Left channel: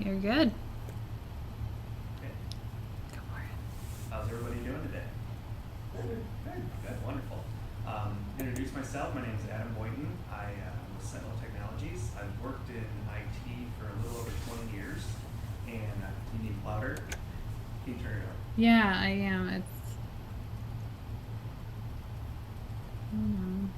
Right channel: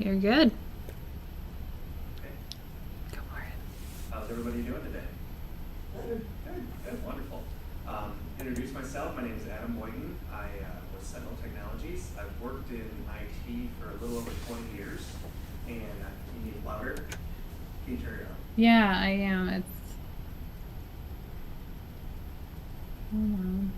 You're good. Okay. Go for it. How's everybody doing today? Good. Good. Wonderful. Introduce myself. My name is Adam Boynton. I was Sentinel Technologies. I've worked in IT for a little over 20 years. And you need louder? Can you turn it up? Yeah, I am. It's. Hold on.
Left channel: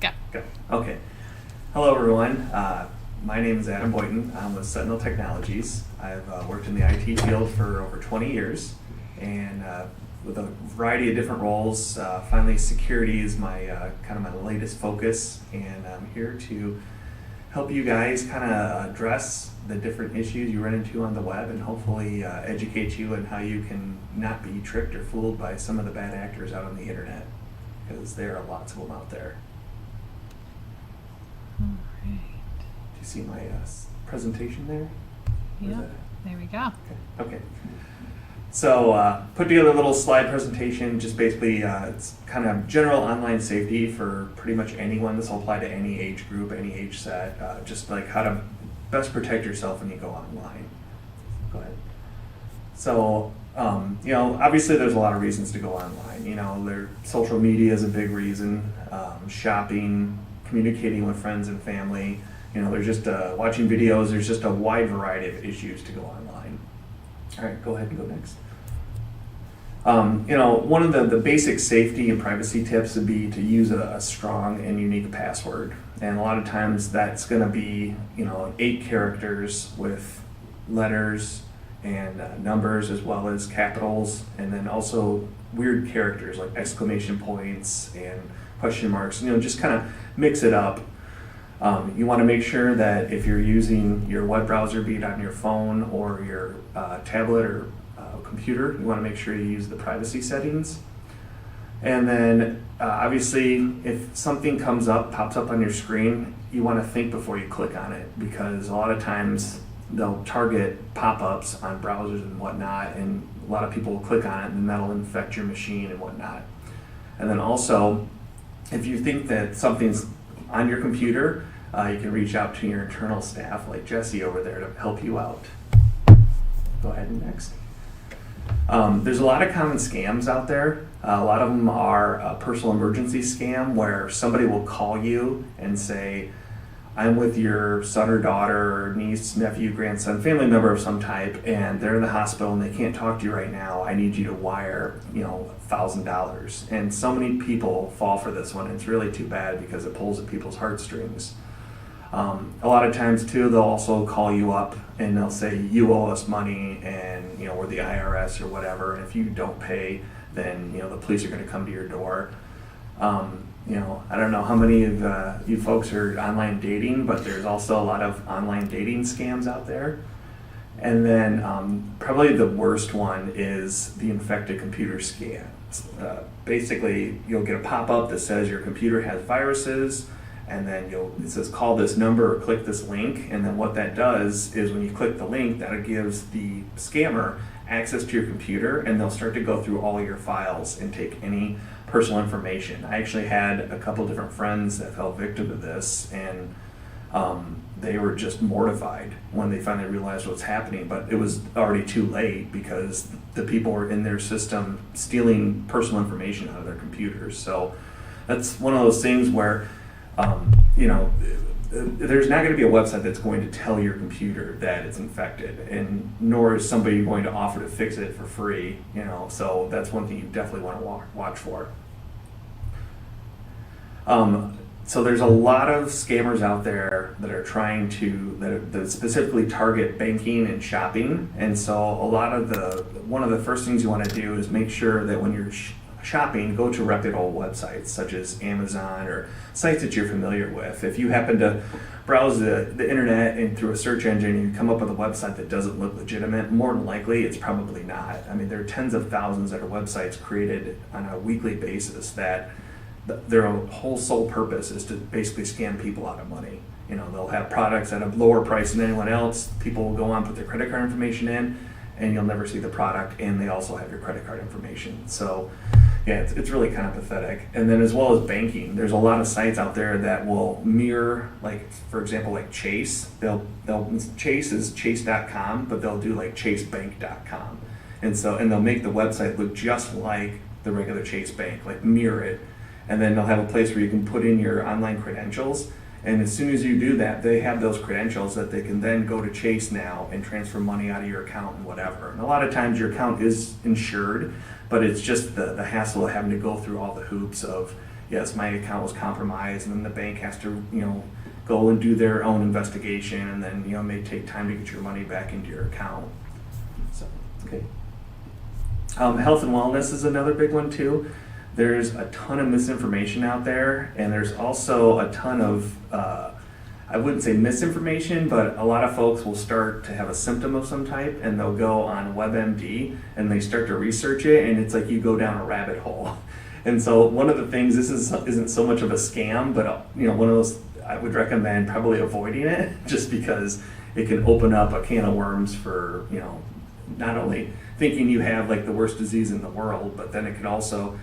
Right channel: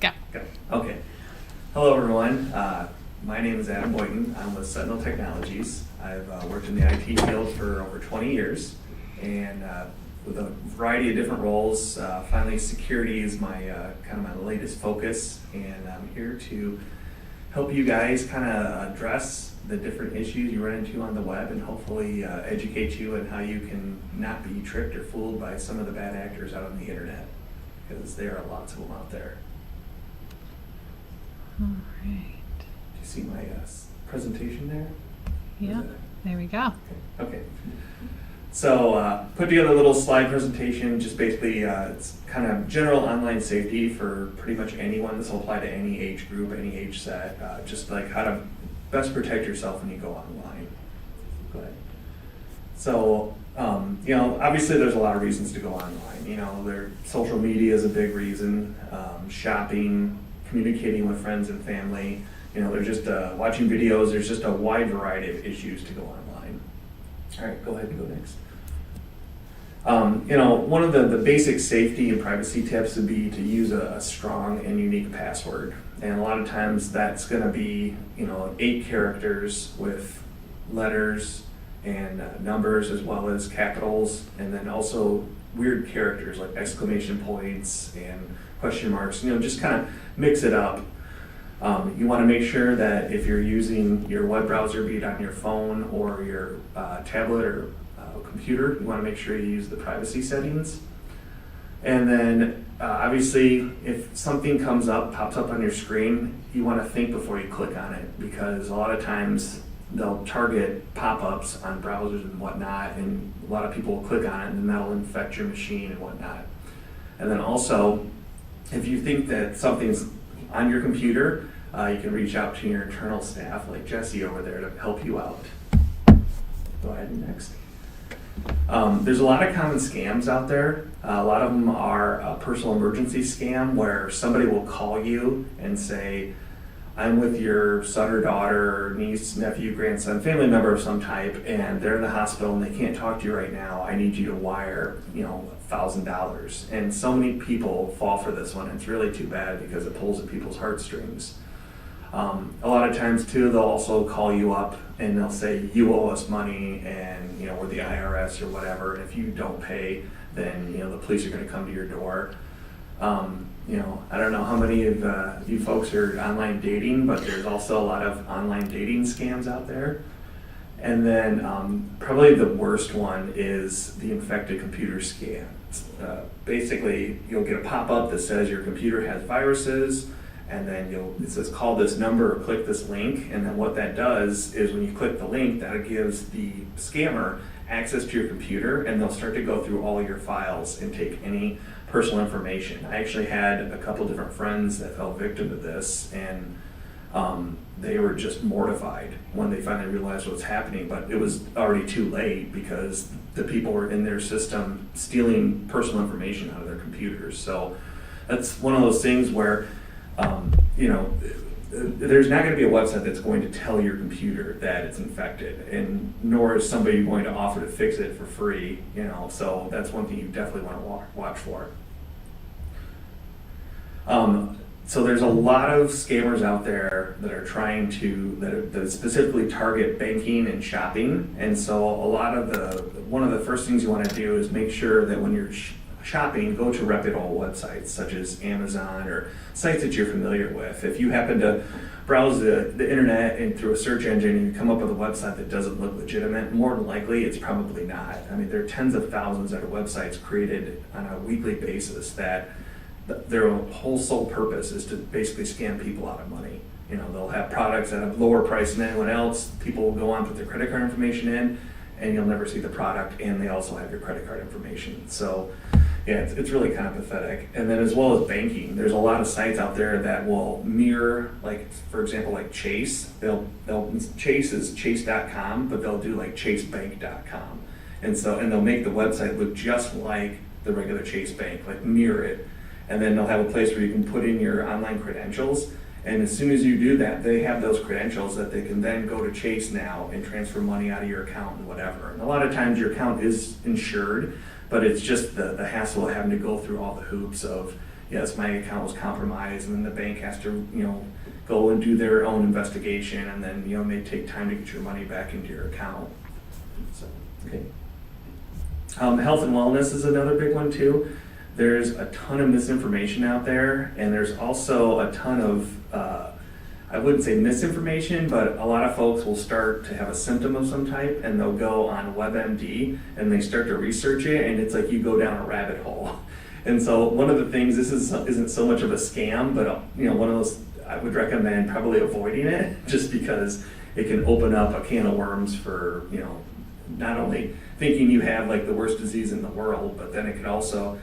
Go. Go. Okay. Hello, everyone. My name is Adam Boynton. I'm with Sentinel Technologies. I've worked in the IT field for over 20 years, and with a variety of different roles. Finally, security is my kind of my latest focus, and I'm here to help you guys kind of address the different issues you run into on the web, and hopefully educate you on how you can not be tricked or fooled by some of the bad actors out on the internet, because there are lots of them out there. All right. Do you see my presentation there? Yep. There we go. Okay. So put together a little slide presentation, just basically it's kind of general online safety for pretty much anyone. This will apply to any age group, any age set, just like how to best protect yourself when you go online. Go ahead. So, obviously there's a lot of reasons to go online. Social media is a big reason, shopping, communicating with friends and family. They're just watching videos. There's just a wide variety of issues to go online. All right, go ahead and go next. One of the basic safety and privacy tips would be to use a strong and unique password. And a lot of times that's going to be, 8 characters with letters and numbers as well as capitals, and then also weird characters like exclamation points and question marks. Just kind of mix it up. You want to make sure that if you're using your web browser, be it on your phone or your tablet or computer, you want to make sure you use the privacy settings. And then obviously if something pops up on your screen, you want to think before you click on it, because a lot of times they'll target pop-ups on browsers and whatnot, and a lot of people will click on it, and then that'll infect your machine and whatnot. And then also, if you think that something's on your computer, you can reach out to your internal staff like Jesse over there to help you out. Go ahead and next. There's a lot of common scams out there. A lot of them are a personal emergency scam where somebody will call you and say, I'm with your son or daughter, niece, nephew, grandson, family member of some type, and they're in the hospital and they can't talk to you right now. I need you to wire, $1,000. And so many people fall for this one. It's really too bad because it pulls at people's heartstrings. A lot of times too, they'll also call you up and they'll say, you owe us money, and we're the IRS or whatever. And if you don't pay, then the police are going to come to your door. I don't know how many of you folks are online dating, but there's also a lot of online dating scams out there. And then probably the worst one is the infected computer scam. Basically, you'll get a pop-up that says your computer has viruses, and then it says call this number or click this link. And then what that does is when you click the link, that gives the scammer access to your computer, and they'll start to go through all your files and take any personal information. I actually had a couple different friends that fell victim to this, and they were just mortified when they finally realized what's happening, but it was already too late because the people were in their system stealing personal information out of their computers. So that's one of those things where, there's not going to be a website that's going to tell your computer that it's infected, and nor is somebody going to offer to fix it for free, so that's one thing you definitely want to watch for. So there's a lot of scammers out there that are trying that specifically target banking and shopping, and so one of the first things you want to do is make sure that when you're shopping, go to reputable websites such as Amazon or sites that you're familiar with. If you happen to browse the internet and through a search engine and you come up with a website that doesn't look legitimate, more than likely it's probably not. I mean, there are tens of thousands of websites created on a weekly basis that their whole sole purpose is to basically scam people out of money. They'll have products at a lower price than anyone else. People will go on, put their credit card information in, and you'll never see the product, and they also have your credit card information. So yeah, it's really kind of pathetic. And then as well as banking, there's a lot of sites out there that will mirror, like, for example, like Chase. Chase is chase.com, but they'll do like chasebank.com. And they'll make the website look just like the regular Chase Bank, like mirror it. And then they'll have a place where you can put in your online credentials. And as soon as you do that, they have those credentials that they can then go to Chase now and transfer money out of your account and whatever. And a lot of times your account is insured, but it's just the hassle of having to go through all the hoops of, yes, my account was compromised, and then the bank has to, go and do their own investigation, and then, it may take time to get your money back into your account. So, okay. Health and wellness is another big one too. There's a ton of misinformation out there, and there's also a ton of, I wouldn't say misinformation, but a lot of folks will start to have a symptom of some type, and they'll go on WebMD and they start to research it, and it's like you go down a rabbit hole. And so one of the things, isn't so much of a scam, but one of those I would recommend probably avoiding it, just because it can open up a can of worms for, not only thinking you have like the worst disease in the world, but then it could also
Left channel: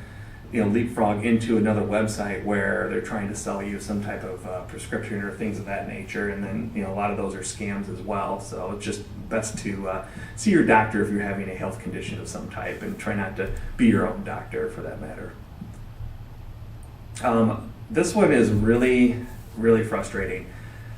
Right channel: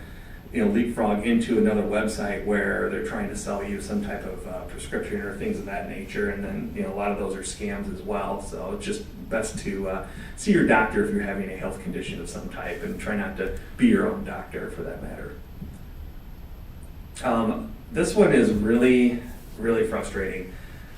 leapfrog into another website where they're trying to sell you some type of prescription or things of that nature, and then a lot of those are scams as well. So it's just best to see your doctor if you're having a health condition of some type, and try not to be your own doctor for that matter. This one is really, really frustrating.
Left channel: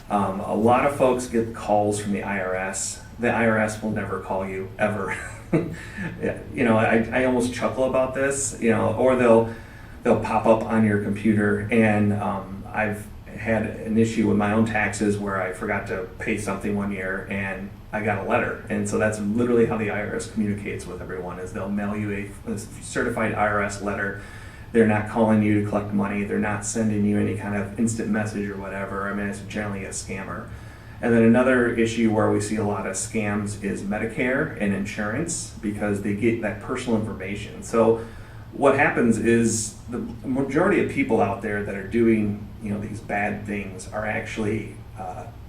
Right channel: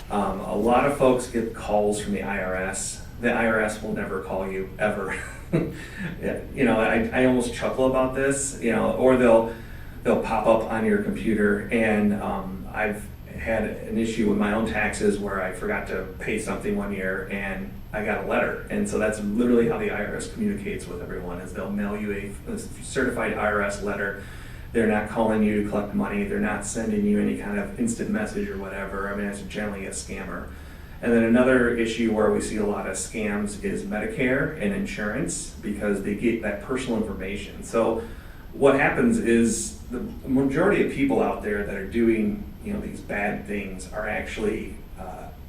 A lot of folks get calls from the IRS. The IRS will never call you ever. I almost chuckle about this, or they'll pop up on your computer, and I've had an issue with my own taxes where I forgot to pay something one year and I got a letter. And so that's literally how the IRS communicates with everyone, is they'll mail you a certified IRS letter. They're not calling you to collect money. They're not sending you any kind of instant message or whatever. I mean, it's generally a scammer. And then another issue where we see a lot of scams is Medicare and insurance, because they get that personal information. So what happens is the majority of people out there that are doing these bad things are actually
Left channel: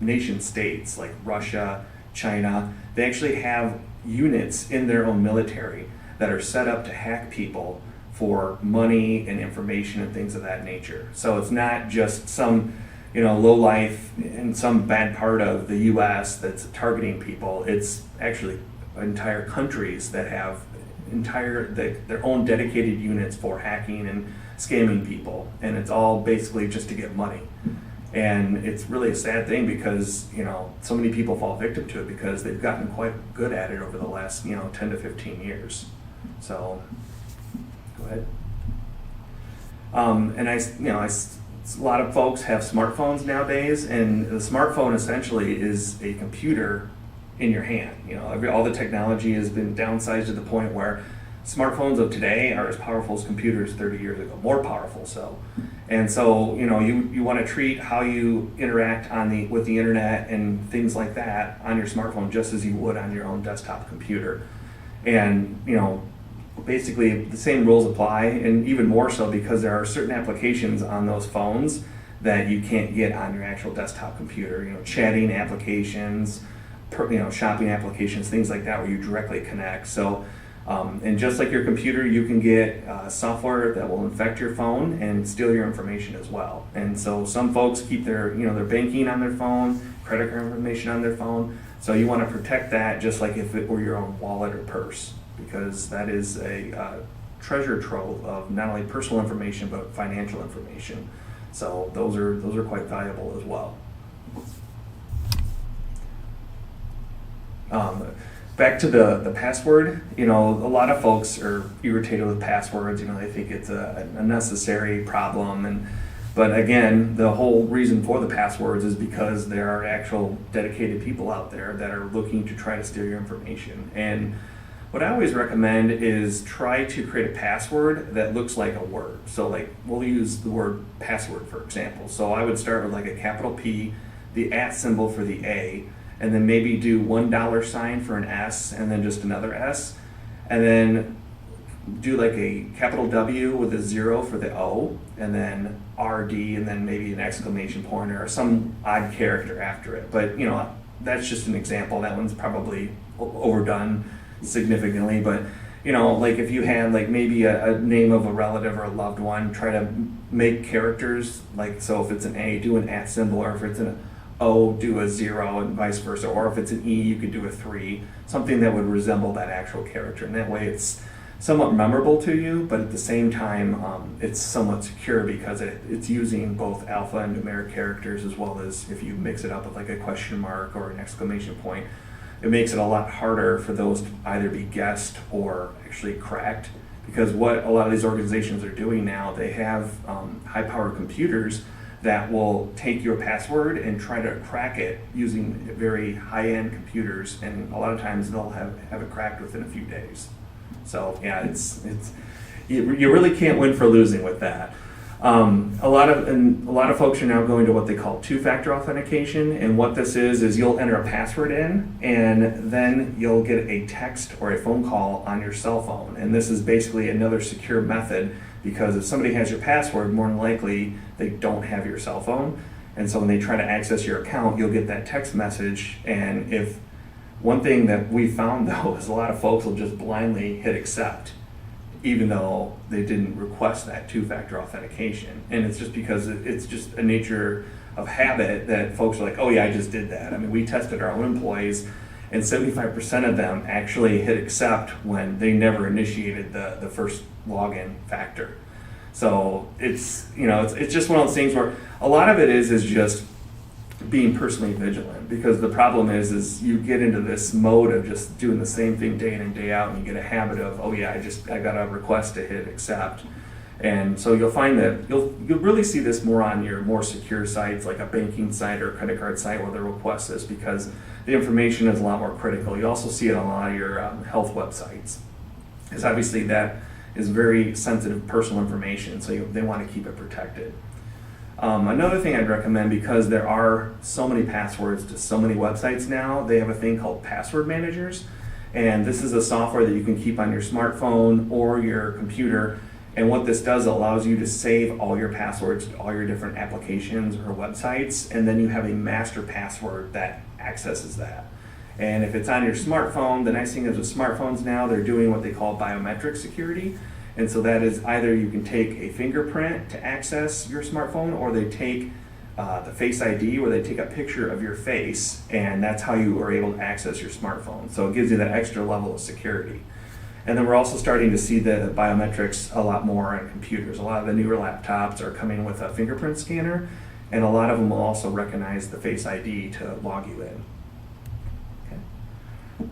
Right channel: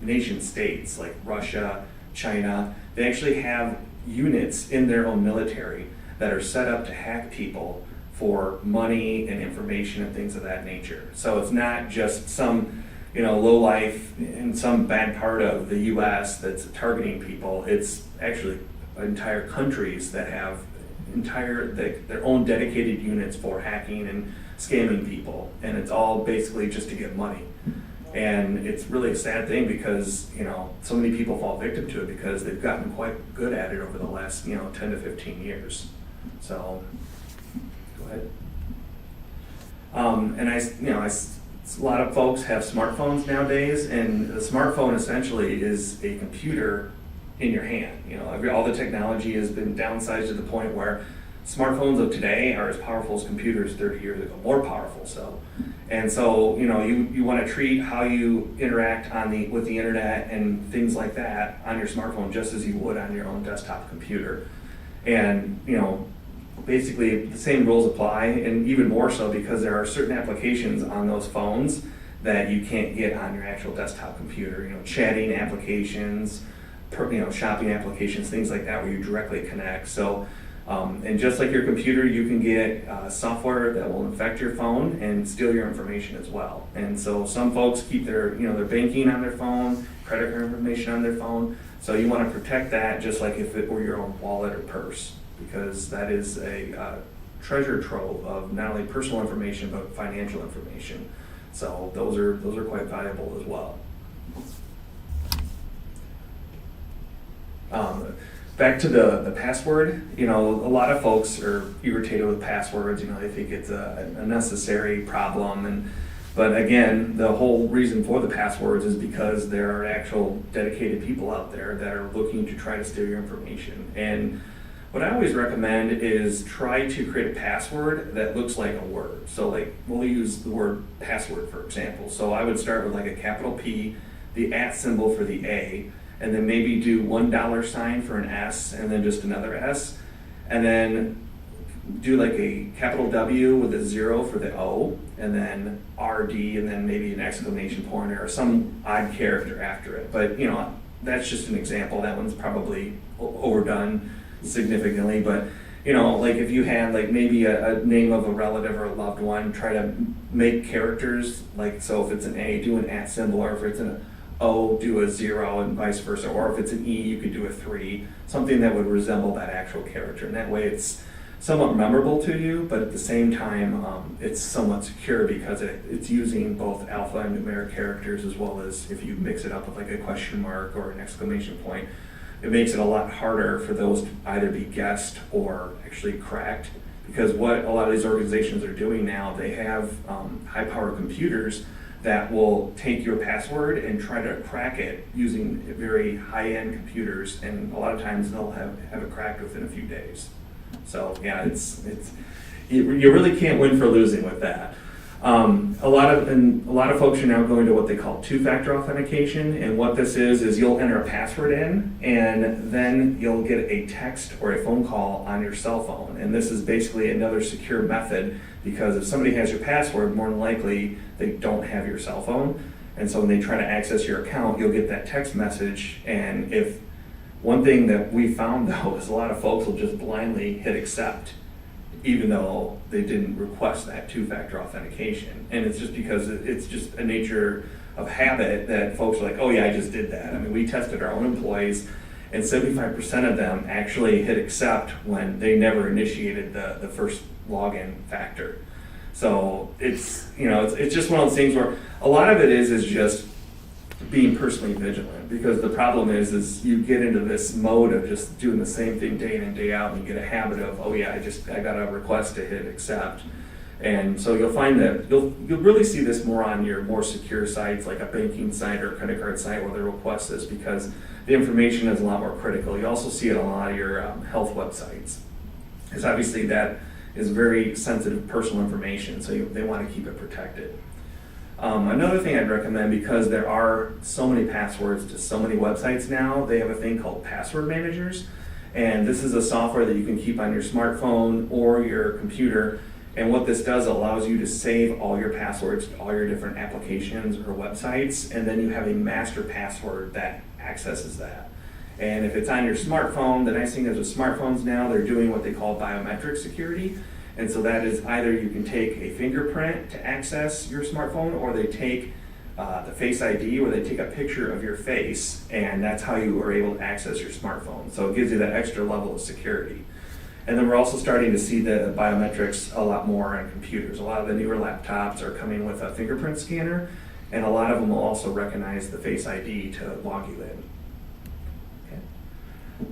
nation states like Russia, China. They actually have units in their own military that are set up to hack people for money and information and things of that nature. So it's not just some low life in some bad part of the U.S. that's targeting people. It's actually entire countries that have their own dedicated units for hacking and scamming people, and it's all basically just to get money. And it's really a sad thing, because so many people fall victim to it because they've gotten quite good at it over the last 10 to 15 years. So go ahead. And a lot of folks have smartphones nowadays, and the smartphone essentially is a computer in your hand. All the technology has been downsized to the point where smartphones of today are as powerful as computers 30 years ago, more powerful so. And so, you want to treat how you interact with the internet and things like that on your smartphone just as you would on your own desktop computer. And, basically the same rules apply, and even more so because there are certain applications on those phones that you can't get on your actual desktop computer. Chatting applications, shopping applications, things like that, where you directly connect. So And just like your computer, you can get software that will infect your phone and steal your information as well. And so some folks keep their banking on their phone, credit card information on their phone. So you want to protect that just like if it were your own wallet or purse, because that is a treasure trove of not only personal information but financial information. So those are quite valuable as well. Back to the password, a lot of folks are irritated with passwords. They think it's a necessary problem, but again, the whole reason for the passwords is because there are actual dedicated people out there that are looking to try to steal your information. And what I always recommend is try to create a password that looks like a word. So like we'll use the word password for example. So I would start with like a capital P, the @ symbol for the A, and then maybe do $1 for an S and then just another S, and then do like a capital W with a 0 for the O, and then RD, and then maybe an exclamation point or some odd character after it. But that's just an example. That one's probably overdone significantly, but like if you had like maybe a name of a relative or a loved one, try to make characters like, so if it's an A, do an @ symbol, or if it's an O, do a 0, and vice versa, or if it's an E, you could do a 3, something that would resemble that actual character, and that way it's somewhat memorable to you, but at the same time it's somewhat secure because it's using both alpha and numeric characters, as well as if you mix it up with like a question mark or an exclamation point. It makes it a lot harder for those to either be guessed or actually cracked, because what a lot of these organizations are doing now, they have high-powered computers that will take your password and try to crack it using very high-end computers, and a lot of times they'll have it cracked within a few days. So yeah, you really can't win for losing with that. A lot of folks are now going to what they call two-factor authentication, and what this is you'll enter a password in, and then you'll get a text or a phone call on your cell phone. And this is basically another secure method, because if somebody has your password, more than likely they don't have your cell phone, and so when they try to access your account, you'll get that text message. And if one thing that we found though is a lot of folks will just blindly hit accept, even though they didn't request that two-factor authentication. And it's just because it's just a nature of habit that folks are like, oh yeah, I just did that. I mean, we tested our own employees, and 75% of them actually hit accept when they never initiated the first login factor. So it's just one of those things where a lot of it is just being personally vigilant, because the problem is you get into this mode of just doing the same thing day in and day out, and you get a habit of, oh yeah, I got a request to hit accept. And so you'll find that you'll really see this more on your more secure sites, like a banking site or a credit card site, where the request is, because the information is a lot more critical. You also see it on a lot of your health websites, because obviously that is very sensitive personal information, so they want to keep it protected. Another thing I'd recommend, because there are so many passwords to so many websites now, they have a thing called password managers. And this is a software that you can keep on your smartphone or your computer. And what this does, allows you to save all your passwords to all your different applications or websites, and then you have a master password that accesses that. And if it's on your smartphone, the nice thing is with smartphones now, they're doing what they call biometric security. And so that is either you can take a fingerprint to access your smartphone, or they take the Face ID, where they take a picture of your face, and that's how you are able to access your smartphone. So it gives you that extra level of security. And then we're also starting to see the biometrics a lot more on computers. A lot of the newer laptops are coming with a fingerprint scanner, and a lot of them will also recognize the Face ID to log you in.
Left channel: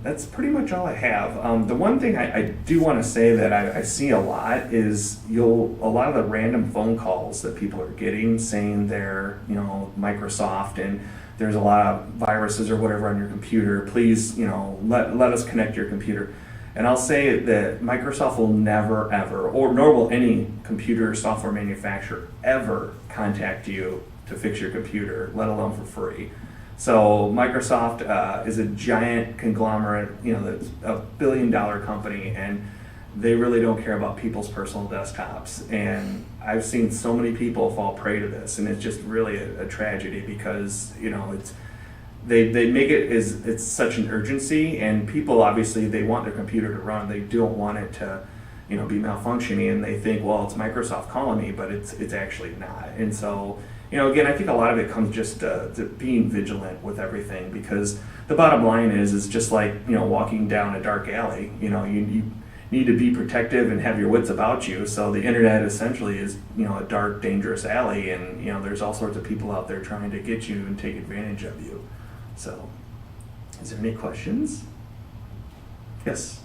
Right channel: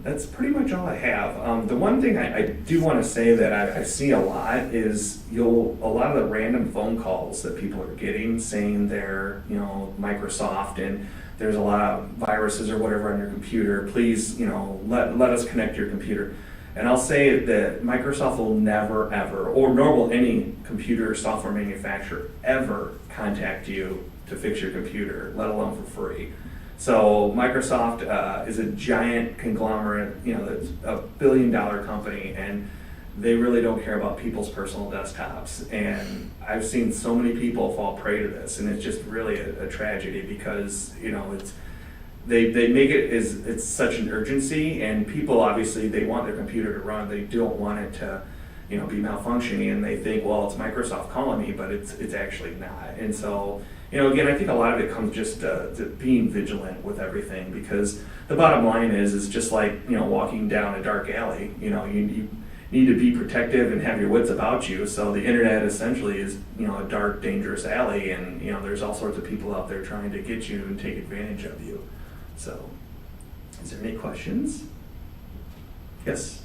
That's pretty much all I have. The one thing I do want to say that I see a lot is a lot of the random phone calls that people are getting saying they're Microsoft, and there's a lot of viruses or whatever on your computer. Please let us connect your computer. And I'll say that Microsoft will never ever, or nor will any computer software manufacturer ever contact you to fix your computer, let alone for free. So Microsoft is a giant conglomerate, that's a billion-dollar company, and they really don't care about people's personal desktops. And I've seen so many people fall prey to this, and it's just really a tragedy, because they make it as it's such an urgency, and people obviously they want their computer to run. They don't want it to, be malfunctioning, and they think, well, it's Microsoft calling me, but it's actually not. And so, again, I think a lot of it comes just to being vigilant with everything, because the bottom line is just like walking down a dark alley. You need to be protective and have your wits about you. So the internet essentially is a dark, dangerous alley, and there's all sorts of people out there trying to get you and take advantage of you. So, is there any questions? Yes.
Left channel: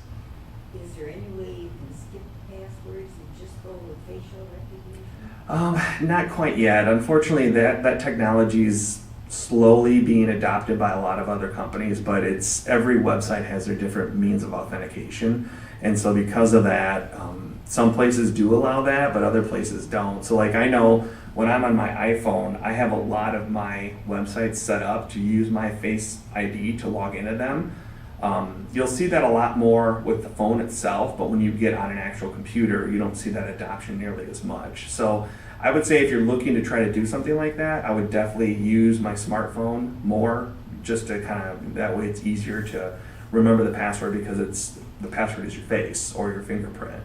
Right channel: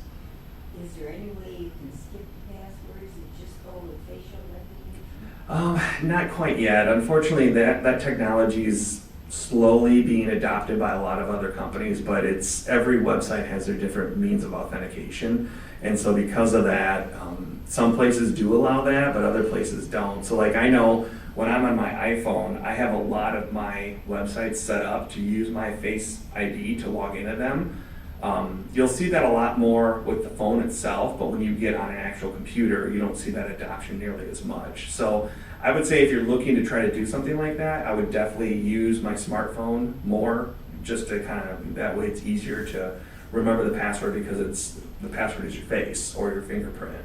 Is there any way you can skip passwords and just go with facial recognition? Not quite yet. Unfortunately, that technology is slowly being adopted by a lot of other companies, but every website has their different means of authentication. And so because of that, some places do allow that, but other places don't. So like I know when I'm on my iPhone, I have a lot of my websites set up to use my Face ID to log into them. You'll see that a lot more with the phone itself, but when you get on an actual computer, you don't see that adoption nearly as much. So I would say if you're looking to try to do something like that, I would definitely use my smartphone more, just to that way it's easier to remember the password, because the password is your face or your fingerprint,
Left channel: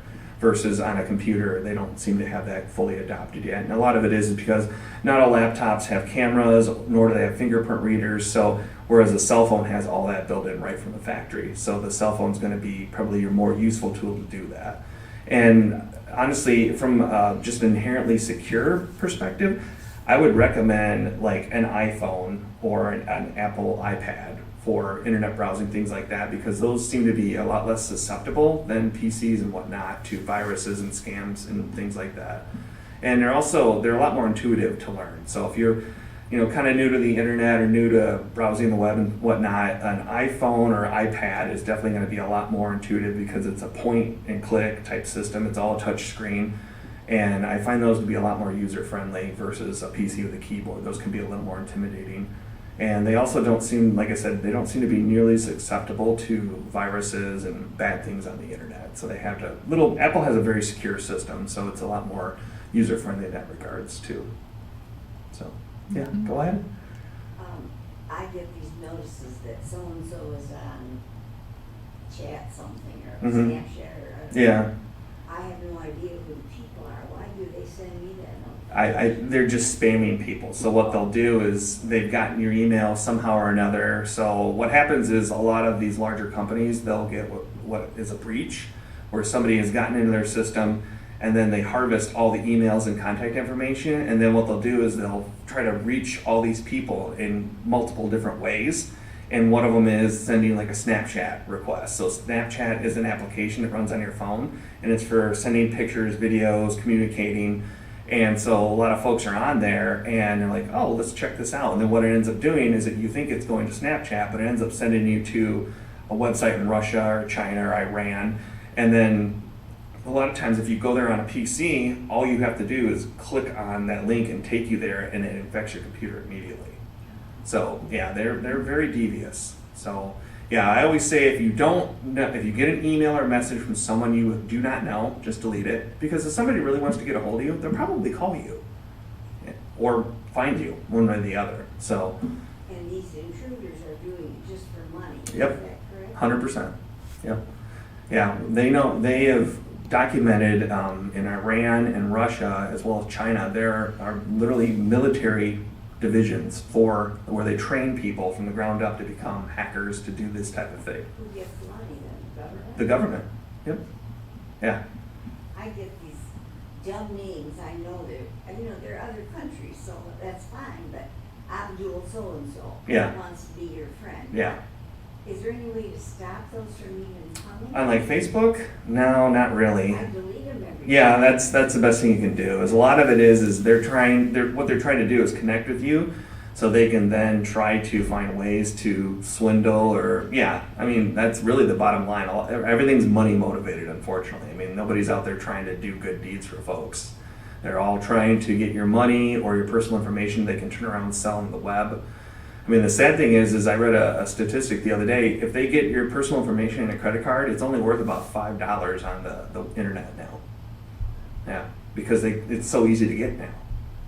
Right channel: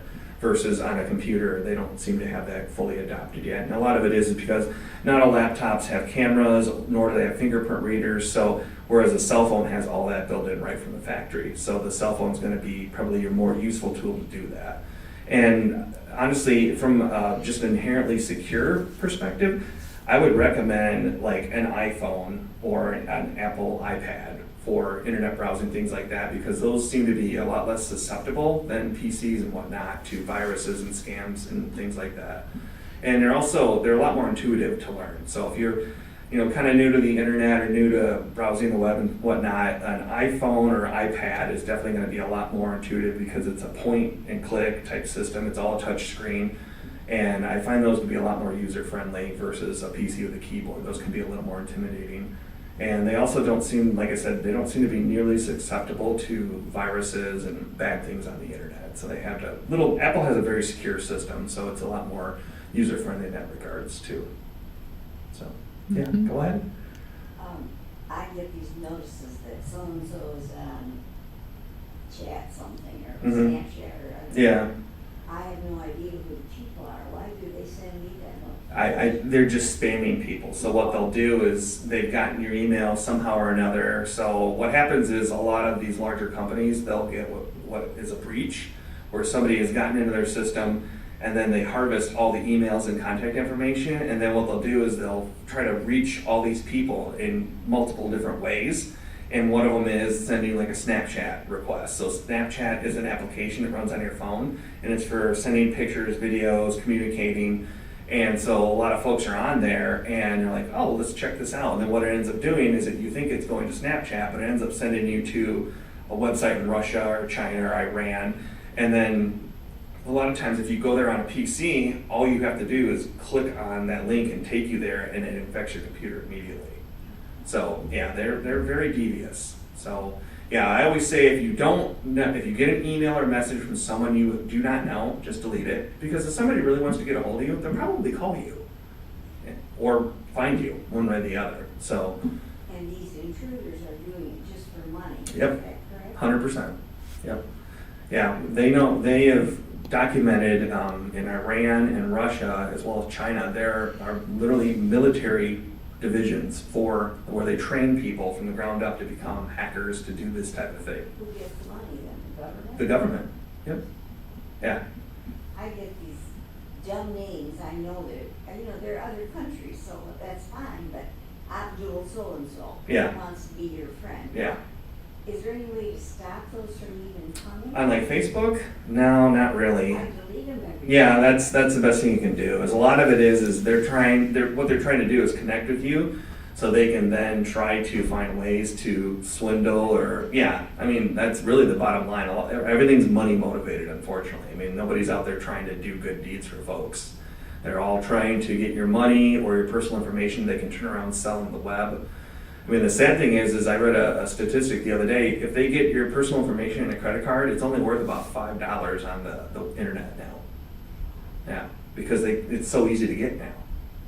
versus on a computer, they don't seem to have that fully adopted yet. And a lot of it is because not all laptops have cameras, nor do they have fingerprint readers, so whereas a cell phone has all that built in right from the factory. So the cell phone is going to be probably your more useful tool to do that. And honestly, from just an inherently secure perspective, I would recommend like an iPhone or an Apple iPad for internet browsing, things like that, because those seem to be a lot less susceptible than PCs and whatnot to viruses and scams and things like that. And they're a lot more intuitive to learn. So if you're kind of new to the internet or new to browsing the web and whatnot, an iPhone or iPad is definitely going to be a lot more intuitive, because it's a point and click type system. It's all touch screen. And I find those to be a lot more user friendly versus a PC with a keyboard. Those can be a little more intimidating. And they also don't seem, like I said, they don't seem to be nearly susceptible to viruses and bad things on the internet. So they have Apple has a very secure system, so it's a lot more user friendly in that regards too. So yeah, Go ahead. I get these notices that so-and-so is on chat something or Snapchat or Yeah. I have no idea who the people are. Why do they send me that? They're just spamming people. So what they'll do is they've gotten your email somehow or another. So what happens is a lot of these larger companies, they'll get what is a breach, where somebody has gotten into their system, and then they harvest all the emails and contact information, and then what they'll do is they'll try to reach all these people in multiple different ways. And one of them is sending like a Snapchat request. So Snapchat is an application that runs on your phone, and it's for sending pictures, videos, communicating. And so a lot of folks are on there and they're like, oh, let's check this out. And then what it ends up doing is that you think it's going to Snapchat, but it ends up sending you to a website in Russia or China or Iran. And then a lot of times if you go there on a PC, all you have to do is click on that link and take you there, and it infects your computer immediately. So yeah, they're very devious. So yeah, I always say if you get an email or a message from someone you do not know, just delete it. Because if somebody really wants to get a hold of you, they'll probably call you or find you one way or the other. So. And these intruders are doing it just for money. Yep. Is that correct? 100%. Yep. Yeah, they have documented in Iran and Russia as well as China, there are literally military divisions where they train people from the ground up to become hackers to do this type of thing. Who gets the money then? The government. Yep. Yeah. I get these dumb names. I know they're other countries, so that's fine, but Abdul so-and-so Yeah. wants to be your friend. Yeah. Is there any way to stop those from even coming? On like Facebook? No, not really. I delete them every Yeah, that's the best thing you can do. Is a lot of it is what they're trying to do is connect with you, so they can then try to find ways to swindle or I mean that's really the bottom line. Everything's money motivated, unfortunately. I mean nobody's out there trying to do good deeds for folks. They're all trying to get your money or your personal information they can turn around and sell on the web. I mean, the sad thing is I read a statistic the other day. If they get your personal information and a credit card, it's only worth about $5 on the internet now. Yeah, because it's so easy to get now.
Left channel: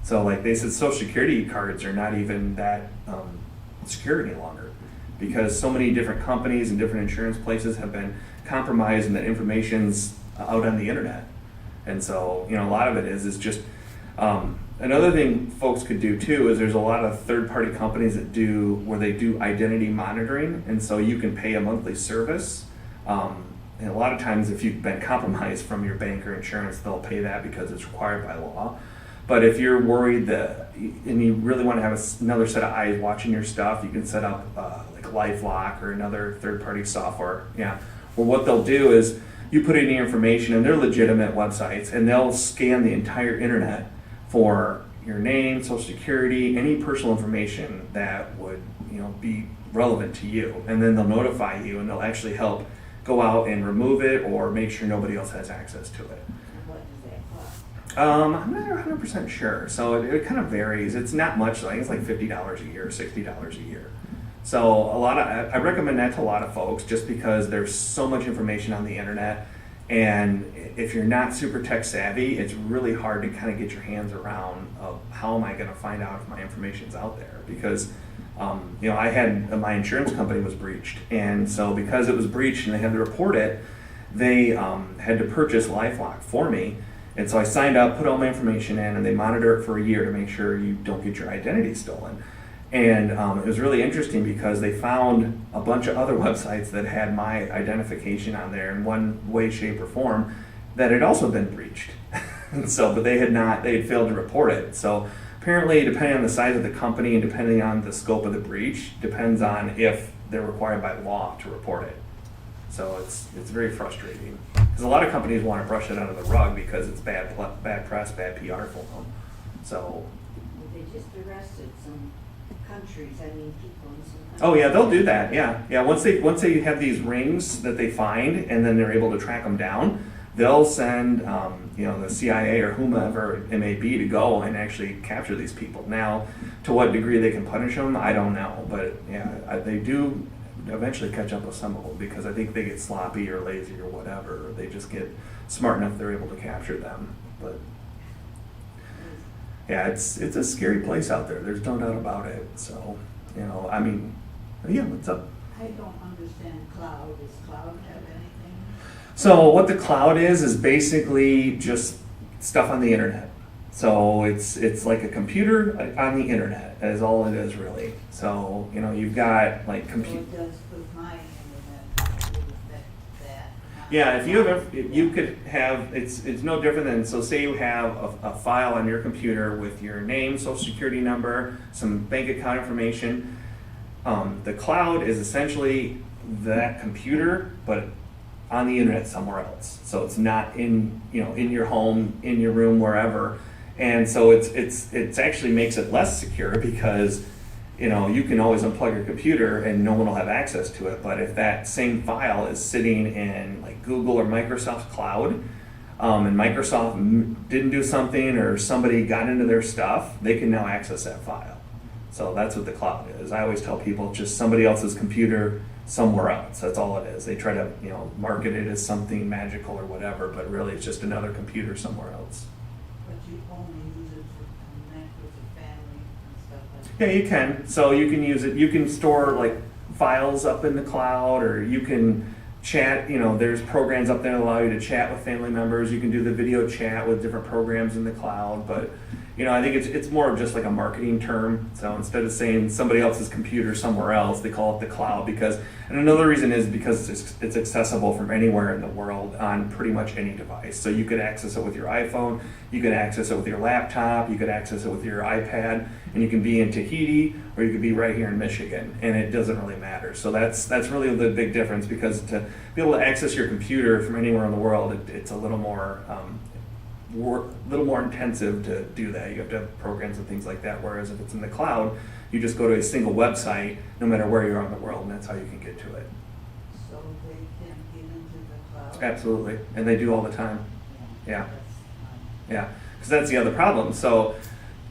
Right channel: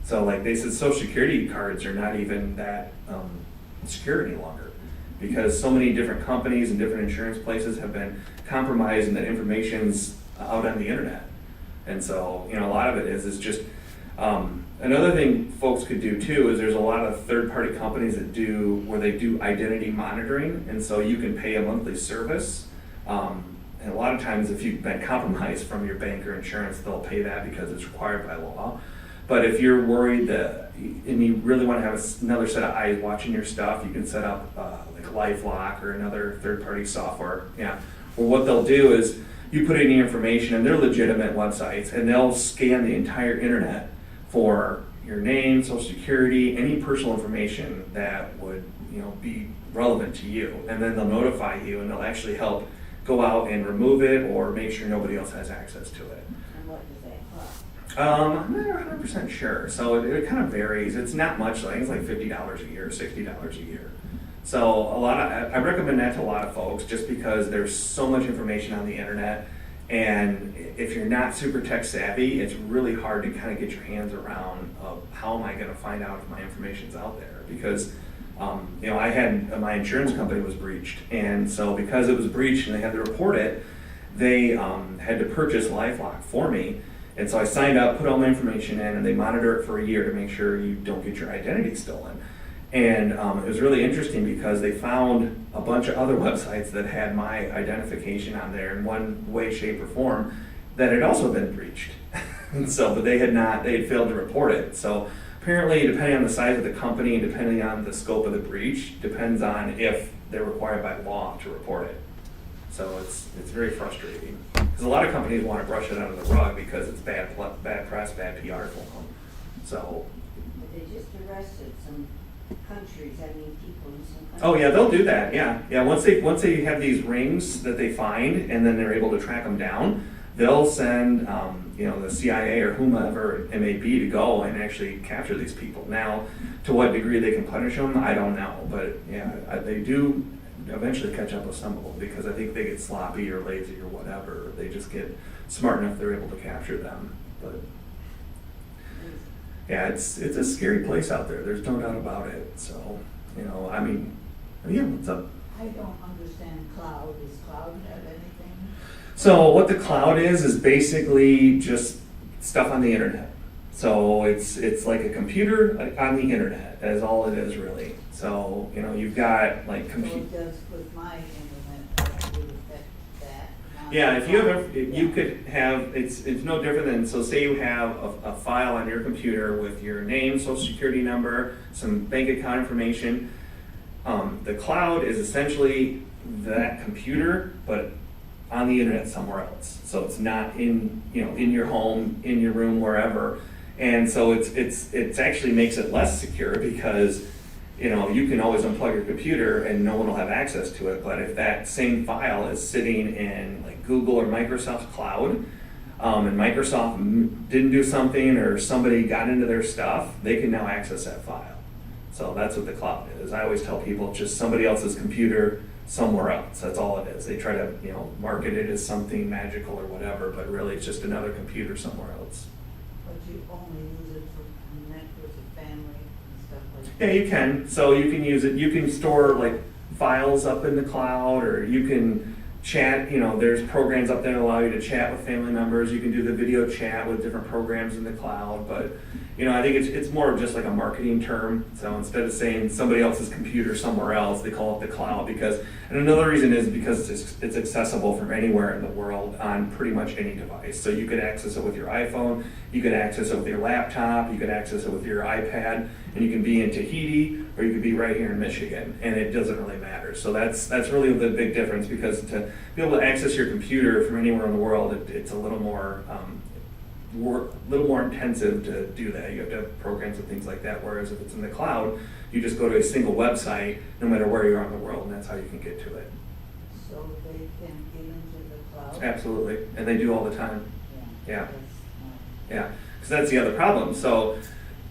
So like they said, Social Security cards are not even that secure any longer, because so many different companies and different insurance places have been compromised, and that information's out on the internet. And so, a lot of it is just, another thing folks could do too is there's a lot of third-party companies that where they do identity monitoring, and so you can pay a monthly service. And a lot of times if you've been compromised from your bank or insurance, they'll pay that because it's required by law. But if you're worried and you really want to have another set of eyes watching your stuff, you can set up like LifeLock or another third-party software. Yeah. Well, what they'll do is you put in your information, and they're legitimate websites, and they'll scan the entire internet for your name, social security, any personal information that would be relevant to you, and then they'll notify you, and they'll actually help go out and remove it or make sure nobody else has access to it. What does that cost? I'm not 100% sure, so it kind of varies. It's not much. I think it's like $50 a year, $60 a year. So I recommend that to a lot of folks, just because there's so much information on the internet, and if you're not super tech savvy, it's really hard to kind of get your hands around how am I going to find out if my information's out there, because I had my insurance company was breached, and so because it was breached and they had to report it, they had to purchase LifeLock for me, and so I signed up, put all my information in, and they monitor it for a year to make sure you don't get your identity stolen. And it was really interesting because they found a bunch of other websites that had my identification on there in one way, shape, or form that had also been breached. And so, but they had failed to report it. So apparently, depending on the size of the company and depending on the scope of the breach, depends on if they're required by law to report it. So it's very frustrating because a lot of companies want to brush it under the rug because it's bad press, bad PR for them. So. But they just arrested some countries. People in some countries. Oh yeah, they'll do that. Yeah. Once they have these rings that they find, and then they're able to track them down, they'll send the CIA or whomever it may be to go and actually capture these people. Now, to what degree they can punish them, I don't know. But yeah, they do eventually catch up with some of them because I think they get sloppy or lazy or whatever. They just get smart enough they're able to capture them. But yeah, it's a scary place out there. There's no doubt about it. So, yeah, what's up? I don't understand cloud. Does cloud have anything? So what the cloud is basically just stuff on the internet. So it's like a computer on the internet, is all it is really. So, you've got like It does with my internet. Would affect that. Yeah, if you could have, it's no different than, so say you have a file on your computer with your name, social security number, some bank account information. The cloud is essentially that computer, but on the internet somewhere else. So it's not in your home, in your room, wherever. And so it's actually makes it less secure because you can always unplug your computer and no one will have access to it. But if that same file is sitting in like Google or Microsoft's cloud, and Microsoft didn't do something or somebody got into their stuff, they can now access that file. So that's what the cloud is. I always tell people just somebody else's computer somewhere else. That's all it is. They try to market it as something magical or whatever, but really it's just another computer somewhere else. But you only use it to connect with the family and stuff like Yeah, that. you can. So you can use it. You can store like files up in the cloud, or you can chat. There's programs up there that allow you to chat with family members. You can do the video chat with different programs in the cloud. But I think it's more of just like a marketing term. So instead of saying somebody else's computer somewhere else, they call it the cloud and another reason is because it's accessible from anywhere in the world on pretty much any device. So you could access it with your iPhone, you could access it with your laptop, you could access it with your iPad, and you can be in Tahiti or you could be right here in Michigan, and it doesn't really matter. So that's really the big difference, because to be able to access your computer from anywhere in the world, it's a little more intensive to do that. You have to have programs and things like that, whereas if it's in the cloud, you just go to a single website no matter where you are in the world, and that's how you can get to it. So they can get into the cloud? Absolutely, and they do all the time. Yeah. That's Yeah, because that's the other problem. So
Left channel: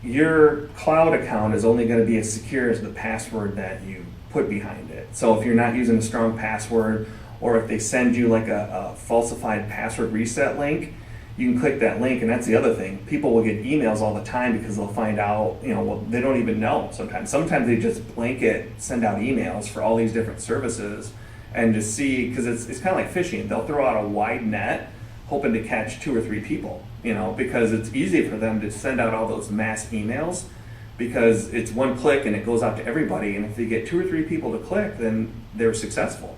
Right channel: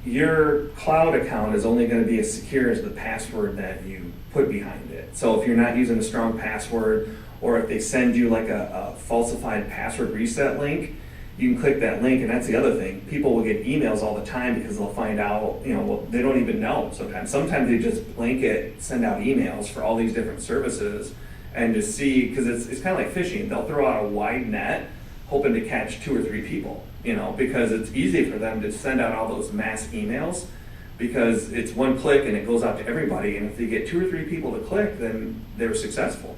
your cloud account is only going to be as secure as the password that you put behind it. So if you're not using a strong password, or if they send you like a falsified password reset link, you can click that link, and that's the other thing. People will get emails all the time because they'll find out, well, they don't even know sometimes. Sometimes they just blanket send out emails for all these different services and just see, because it's kind of like fishing. They'll throw out a wide net hoping to catch 2 or 3 people, because it's easy for them to send out all those mass emails because it's one click and it goes out to everybody. And if they get 2 or 3 people to click, then they're successful.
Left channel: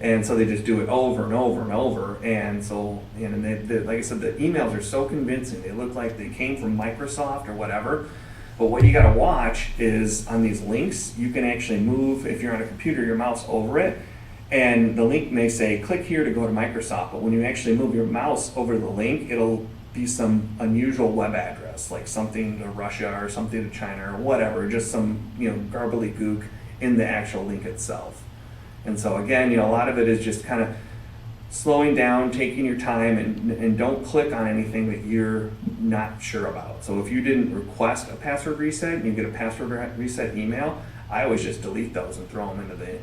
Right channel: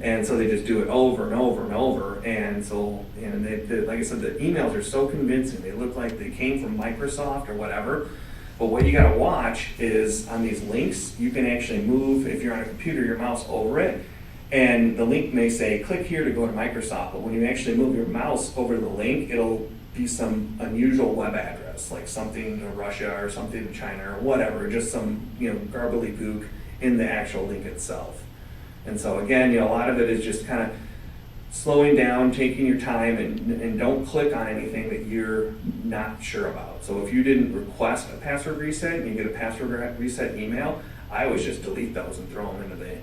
And so they just do it over and over and over. And so, like I said, the emails are so convincing. They look like they came from Microsoft or whatever. But what you got to watch is on these links, you can actually move, if you're on a computer, your mouse over it. And the link may say, click here to go to Microsoft. But when you actually move your mouse over the link, it'll be some unusual web address, like something to Russia or something to China or whatever, just some, gook in the actual link itself. And so again, a lot of it is just kind of slowing down, taking your time, and don't click on anything that you're not sure about. So if you didn't request a password reset and you get a password reset email, I always just delete those and throw them into the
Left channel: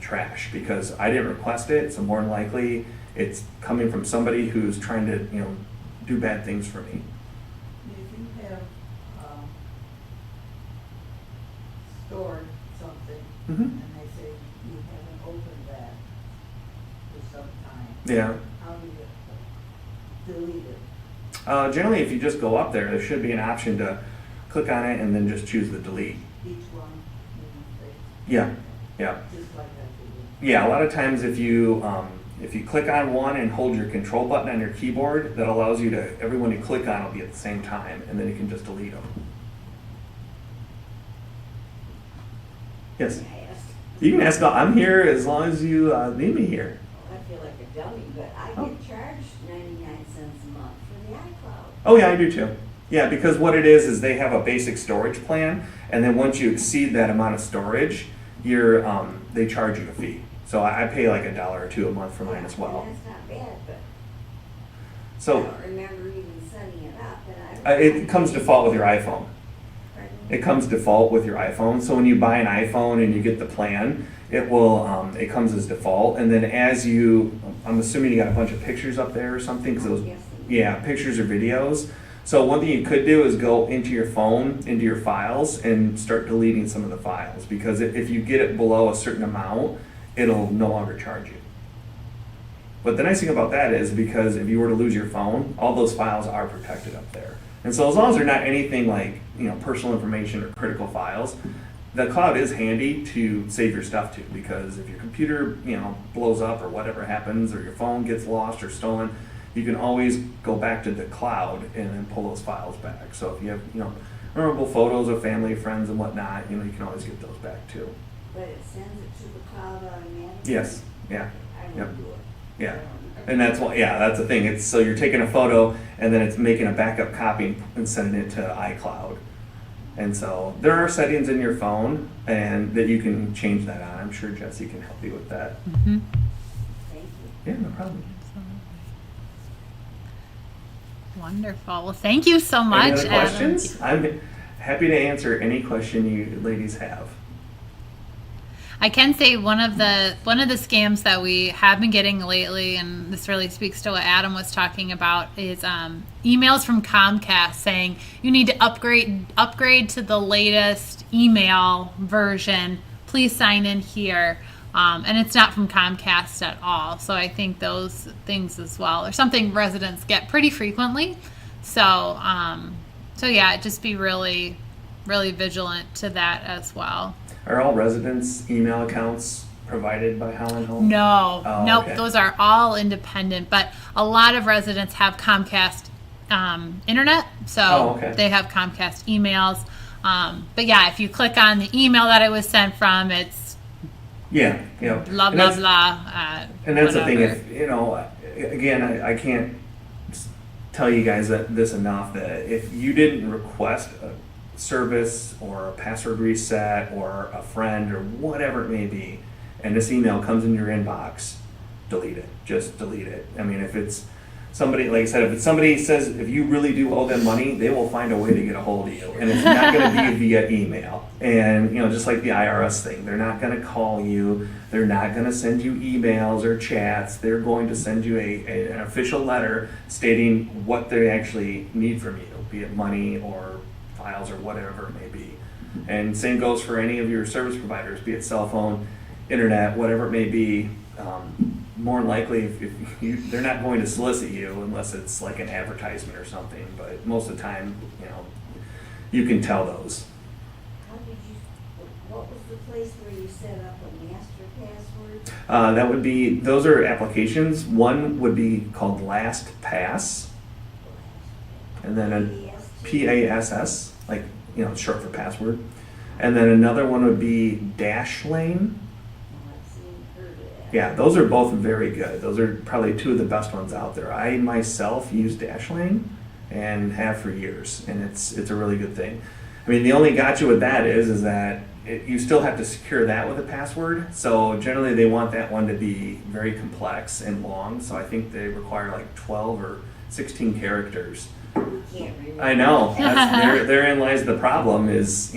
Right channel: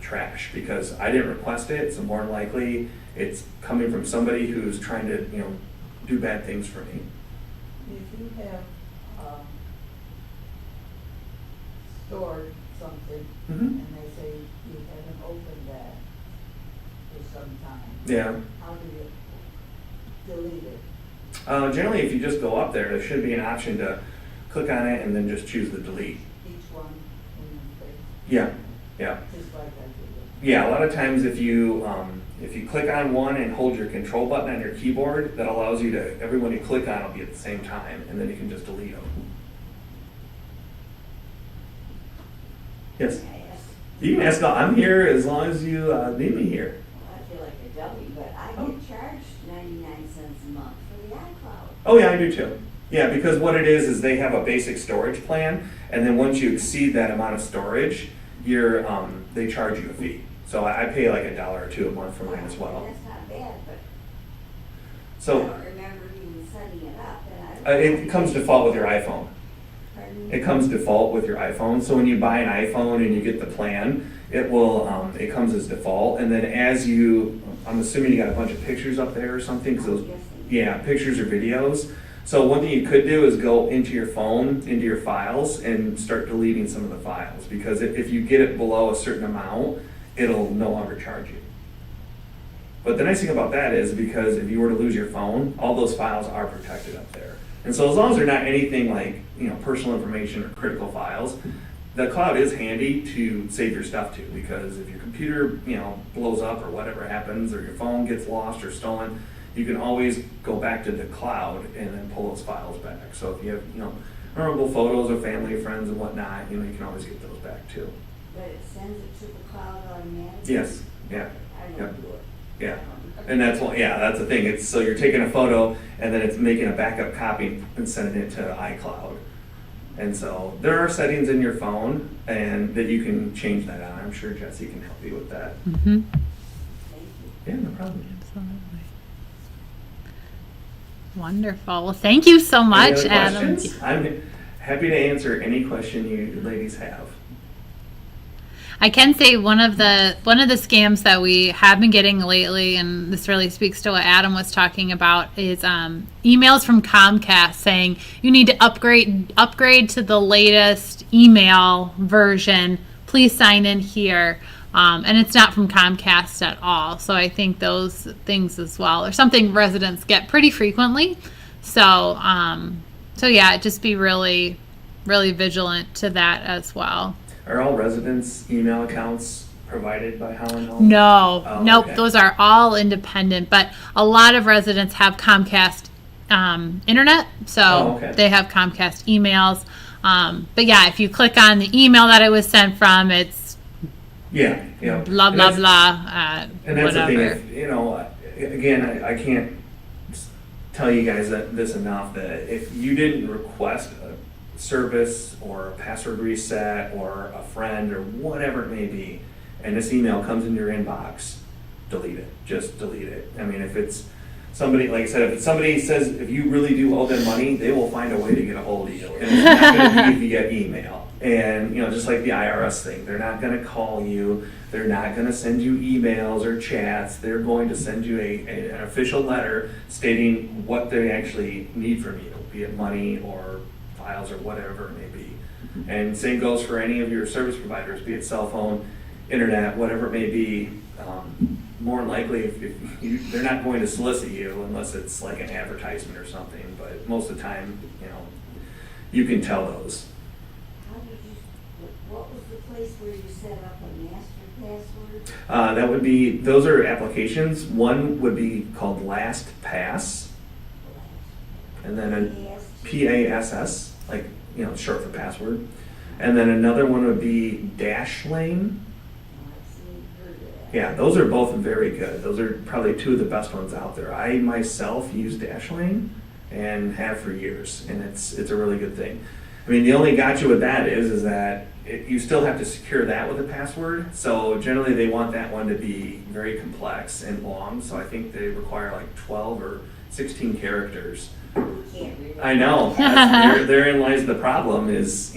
trash, because I didn't request it, so more than likely it's coming from somebody who's trying to do bad things for me. If you have stored something Mm-hmm. and they say you haven't opened that for some time, Yeah. how do you delete it? Generally, if you just go up there should be an option to click on it and then just choose the delete. Each one in the face, Yeah. just like that. Yeah, a lot of times if you click on one and hold your control button on your keyboard, that allows you to, everyone you click on will be at the same time, and then you can just delete them. Yes? You can ask, I'm here as long as you need me here. I feel like a dummy, but I get charged 99 cents a month for the iCloud. Oh yeah, I do too. Yeah, because what it is they have a basic storage plan, and then once you exceed that amount of storage, they charge you a fee. So I pay like $1 or $2 a month for mine as well. That's not bad, but I So don't remember even setting it up. And I it comes default with your iPhone. Pardon? It comes default with your iPhone. So when you buy an iPhone and you get the plan, it will it comes as default. And then I'm assuming you got a bunch of pictures up there or something, because those, Yes. yeah, pictures or videos. So one thing you could do is go into your phone, into your files, and start deleting some of the files, because if you get it below a certain amount, it'll no longer charge you. But the nice thing about that is, because if you were to lose your phone, all those files are protected up there. And so as long as they're not anything like personal information or critical files, the cloud is handy to save your stuff to, because if your computer blows up or whatever happens, or your phone gets lost or stolen, you can always go back to the cloud and then pull those files back. So if you have memorable photos of family, friends, and whatnot, you can always get those back too. But it sends it to the cloud automatically? Yes. Yeah. I don't Yep. do it. Yeah. And that's the thing. It's so you're taking a photo and then it's making a backup copy and sending it to iCloud. And so there are settings in your phone and that you can change that on. I'm sure Jesse can help you with that. Mm-hmm. Thank you. Yeah, no problem. Absolutely. Wonderful. Well, thank you so much, Any other Adam. questions? I'm happy to answer any question you ladies have. I can say one of the scams that we have been getting lately, and this really speaks to what Adam was talking about, is emails from Comcast saying you need to upgrade to the latest email version. Please sign in here, and it's not from Comcast at all. So I think those things as well are something residents get pretty frequently. So yeah, just be really, really vigilant to that as well. Are all residents' email accounts provided by Howland Home? No, Oh, nope. okay. Those are all independent, but a lot of residents have Comcast internet, so Oh, okay. they have Comcast emails. But yeah, if you click on the email that it was sent from, it's Yeah. blah And blah that's- blah. And that's whatever. the thing. Again, I can't tell you guys this enough, that if you didn't request a service or a password reset or a friend or whatever it may be, and this email comes in your inbox, delete it. Just delete it. I mean, if it's somebody, like I said, if somebody says, if you really do owe them money, they will find a way to get a hold of you. And it's not going to be via email. And, just like the IRS thing, they're not going to call you. They're not going to send you emails or chats. They're going to send you an official letter stating what they actually need from you, be it money or files or whatever it may be. And same goes for any of your service providers, be it cell phone, internet, whatever it may be. More than likely, if they're not going to solicit you unless it's like an advertisement or something. But most of the time, you can tell those. What was the place where you set up a master password? That would be, those are applications. One would be called LastPass, and then a PASS, like, short for password. And then another one would be Dashlane. Yeah, those are both very good. Those are probably two of the best ones out there. I myself use Dashlane and have for years, and it's a really good thing. I mean, the only gotcha with that is that you still have to secure that with a password. So generally they want that one to be very complex and long. So I think they require like 12 or 16 characters. I know. Therein lies the problem is,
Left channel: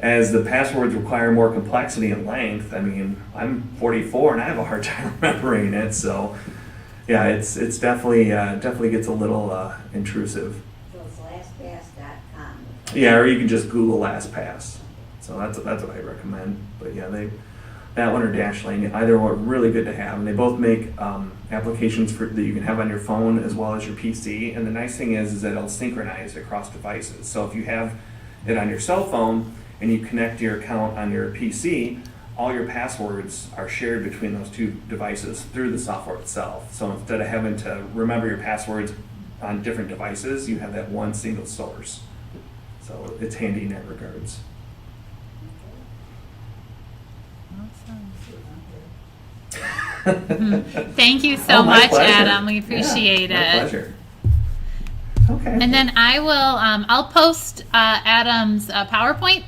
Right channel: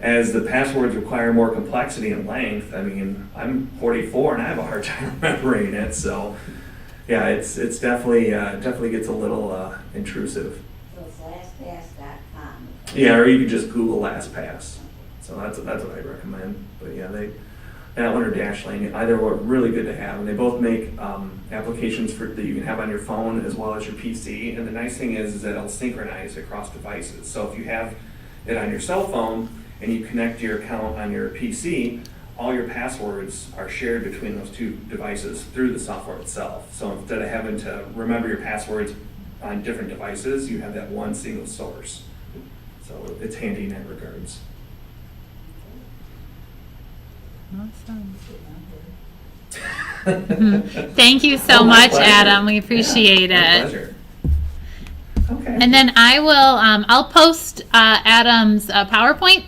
as the passwords require more complexity and length. I mean, I'm 44 and I have a hard time remembering it. So yeah, it's definitely gets a little intrusive. So it's LastPass.com. Yeah, or you can just Google LastPass. So that's what I recommend. But yeah, that one or Dashlane, either are really good to have, and they both make applications that you can have on your phone as well as your PC. And the nice thing is that it'll synchronize across devices. So if you have it on your cell phone and you connect your account on your PC, all your passwords are shared between those two devices through the software itself. So instead of having to remember your passwords on different devices, you have that one single source. So it's handy in that regards. Awesome. Thank you so Oh, my much, pleasure. Adam. We appreciate My it. pleasure. Okay. And then I will, I'll post Adam's PowerPoint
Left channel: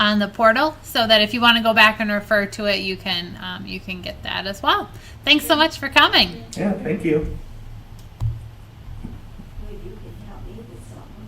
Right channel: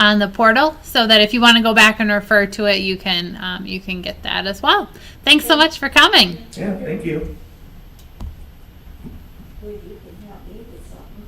on the portal so that if you want to go back and refer to it, you can get that as well. Thanks so much for coming. Yeah, thank you. Well, you can help me with something.